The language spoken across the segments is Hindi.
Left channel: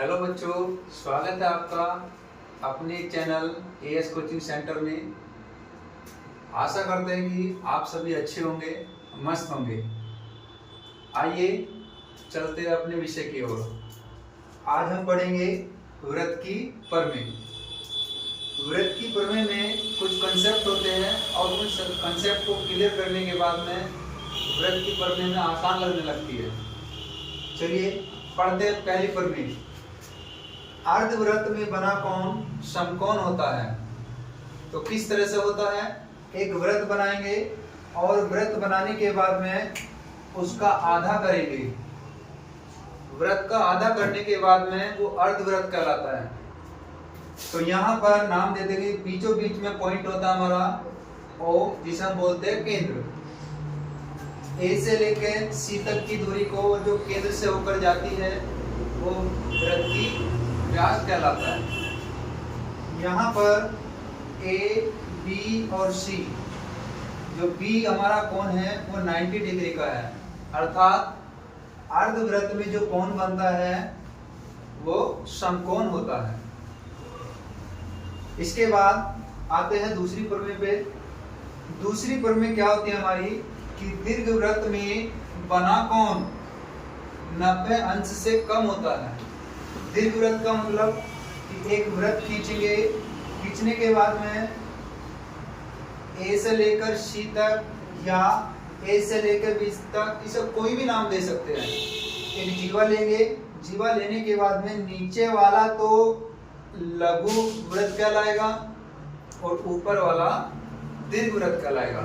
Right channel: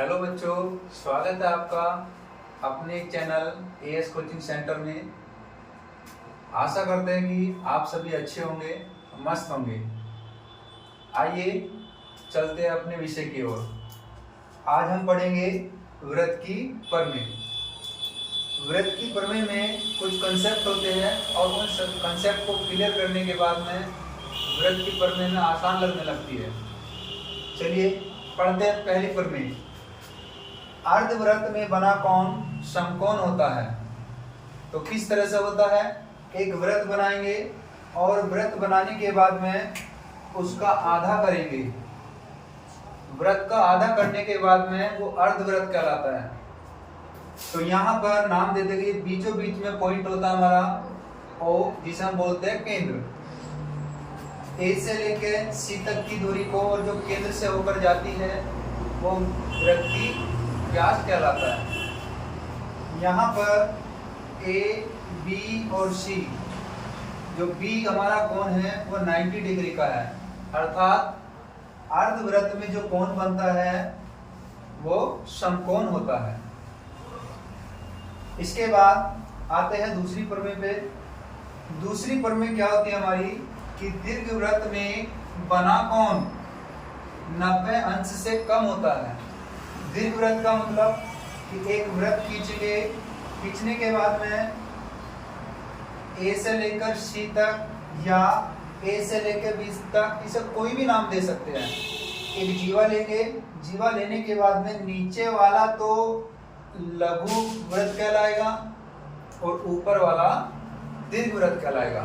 हेलो बच्चों, स्वागत है आपका अपने चैनल एएस कोचिंग सेंटर में। आशा करते हैं कि आप सभी अच्छे होंगे, मस्त होंगे। आइए चलते हैं अपने विषय की ओर। आज हम पढ़ेंगे व्रत की प्रमेय। व्रत की प्रमेय में कुछ कंसेप्ट होते हैं और उन कंसेप्ट को क्लियर करने के बाद में व्रत की प्रमेय में आसान लगने लगती है। चलिए पढ़ते हैं पहली प्रमेय। अर्धव्रत में बना कोण समकोण होता है। तो किस तरह से होता है? एक व्रत बनाएंगे और व्रत बनाने के बाद में उसका आधा करेंगे। व्रत का आधा करने के बाद में वो अर्धव्रत कहलाता है। तो यहाँ पर नाम दे देंगे, बीचों बीच में पॉइंट होता है हमारा ओ, जिसे हम बोलते हैं केंद्र। ए से लेकर सी तक की दूरी को जो केंद्र से होकर जाती है वो व्रत की व्यास कहलाता है। यहाँ पर ए, बी और सी, जो बी हमारा कोण है वो 90 डिग्री का है, अर्थात अर्धव्रत में जो कोण बनता है वो समकोण होता है। इसके बाद आते हैं दूसरी प्रमेय पे। दूसरी प्रमेय क्या होती है हमारी कि दीर्घवृत्त में बना कोण 90 अंश से कम होता है। दीर्घवृत्त का मतलब कि एक वृत्त खींचेंगे, खींचने के बाद में ए से लेकर सी तक या ए से लेकर बी तक, इसे कोई भी नाम दे सकते हैं। एक जीवा लेंगे, जीवा लेने के बाद में नीचे वाला तो लघु वृत्त कहलाएगा और ऊपर वाला दीर्घवृत्त कहलाएगा।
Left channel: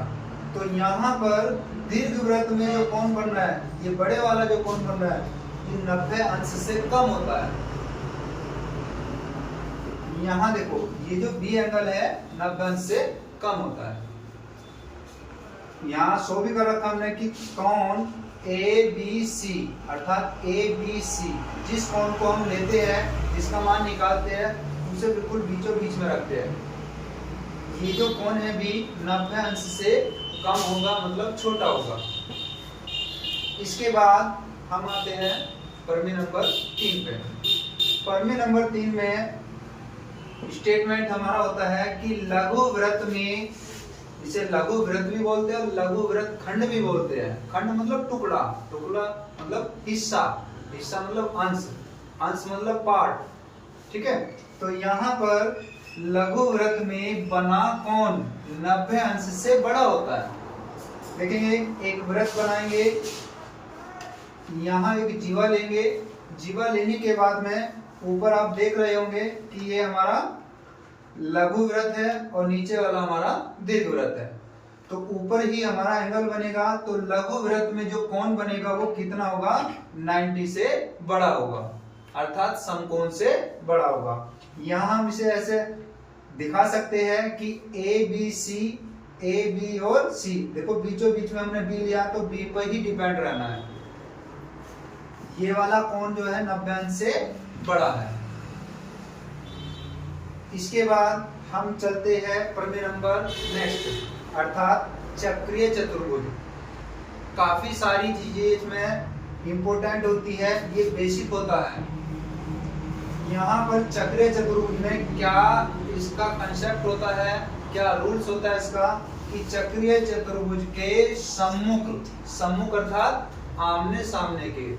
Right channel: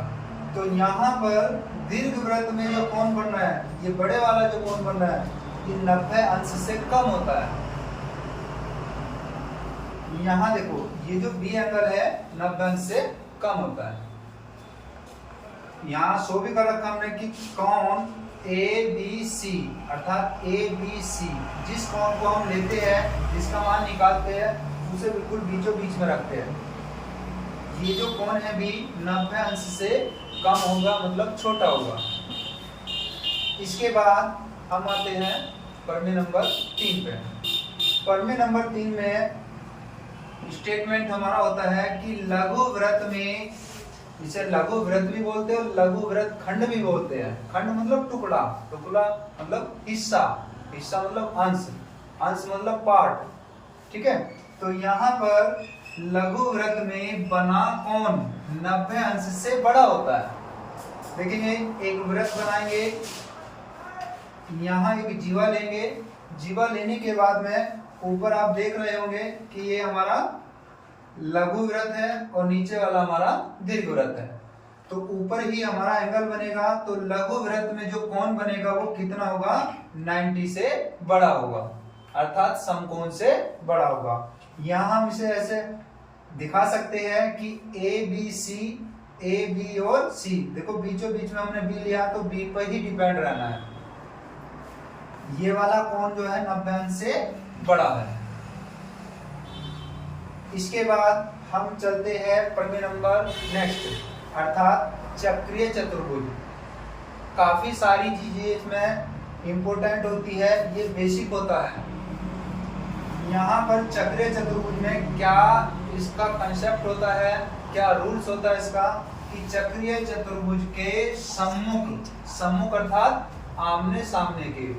तो यहाँ पर दीर्घवृत्त में जो कोण बन रहा है, ये बड़े वाला जो कोण बन रहा है, ये 90 अंश से कम होता है। यहाँ देखो, ये जो बी एंगल है 90 अंश से कम होता है। यहाँ शो भी कर रखा हमने कि कोण ए बी सी, अर्थात ए बी सी, जिस कोण को हम लेते हैं, जिसका मान निकालते हैं, उसे बिल्कुल बीचों बीच में रखते हैं। ये जो कोण है बी 90 अंश से कम होगा, मतलब छोटा होगा। इसके बाद हम आते हैं प्रमेय नंबर 3 पे। प्रमेय नंबर 3 में स्टेटमेंट हमारा होता है कि लघु व्रत में, इसे लघु व्रत भी बोलते हैं और लघु व्रत खंड भी बोलते हैं। खंड मतलब टुकड़ा, टुकड़ा मतलब हिस्सा, हिस्सा मतलब अंश, अंश मतलब पार्ट, ठीक है। तो यहाँ पर लघु व्रत में बना कोण 90 अंश से बड़ा होता है। देखेंगे, एक व्रत बनाएंगे, यहाँ एक जीवा लेंगे, जीवा लेने के बाद में ऊपर आप देख रहे होंगे कि ये हमारा लघु व्रत है और नीचे वाला हमारा दीर्घ व्रत है। तो ऊपर ही हमारा एंगल बनेगा, तो लघु व्रत में जो कोण बनेगा वो कितना होगा? 90 से बड़ा होगा, अर्थात समकोण से बड़ा होगा। यहाँ हम इसे ऐसे दिखा सकते हैं कि A B C, A B और सी, देखो बीचों बीच में हमने बी लिया तो बी पर ही डिपेंड रहना है। ये वाला कोण जो है 90 अंश से बड़ा है। इसके बाद हम चलते हैं प्रमेय नंबर नेक्स्ट, अर्थात चक्रीय चतुर्भुज। काफी सारी चीजें इसमें इंपॉर्टेंट होती है, ये बेसिक होता है। यहाँ पर चक्रीय चतुर्भुज में क्या इसका कंसेप्ट होता है, क्या रूल्स होता है इसका, कि चक्रीय चतुर्भुज के सम्मुख, सम्मुख अर्थात आमने सामने के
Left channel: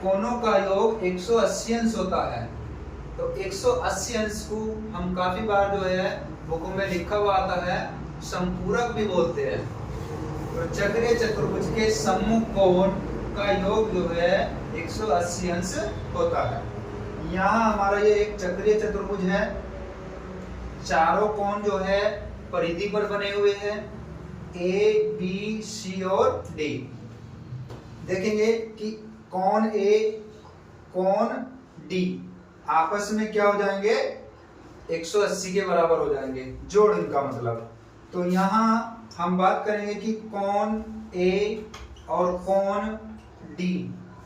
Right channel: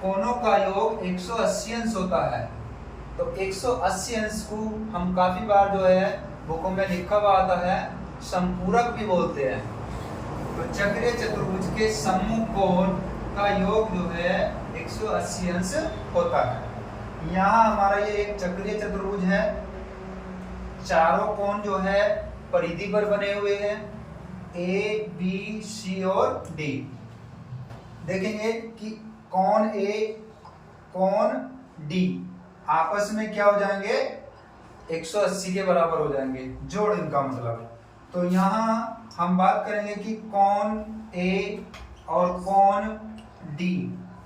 कोणों का योग 180 अंश होता है। तो 180 अंश को हम काफी बार जो है बुकों में लिखा हुआ आता है, समपूरक भी बोलते हैं। तो चक्रीय चतुर्भुज के सम्मुख कोण का योग जो है 180 अंश होता है। यहाँ हमारा ये एक चक्रीय चतुर्भुज है, चारों कोण जो है परिधि पर बने हुए हैं, ए बी सी और डी। देखेंगे कि कोण ए, कोण डी आपस में क्या हो जाएंगे? 180 के बराबर हो जाएंगे, जोड़ इनका मतलब। तो यहाँ हम बात करेंगे कि कोण ए और कोण डी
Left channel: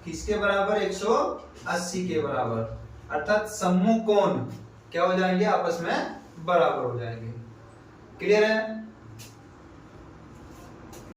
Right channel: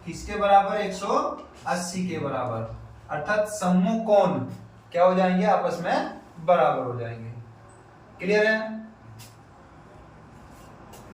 किसके बराबर? 180 के बराबर, अर्थात सम्मुख कोण क्या हो जाएंगे? आपस में बराबर हो जाएंगे। क्लियर है?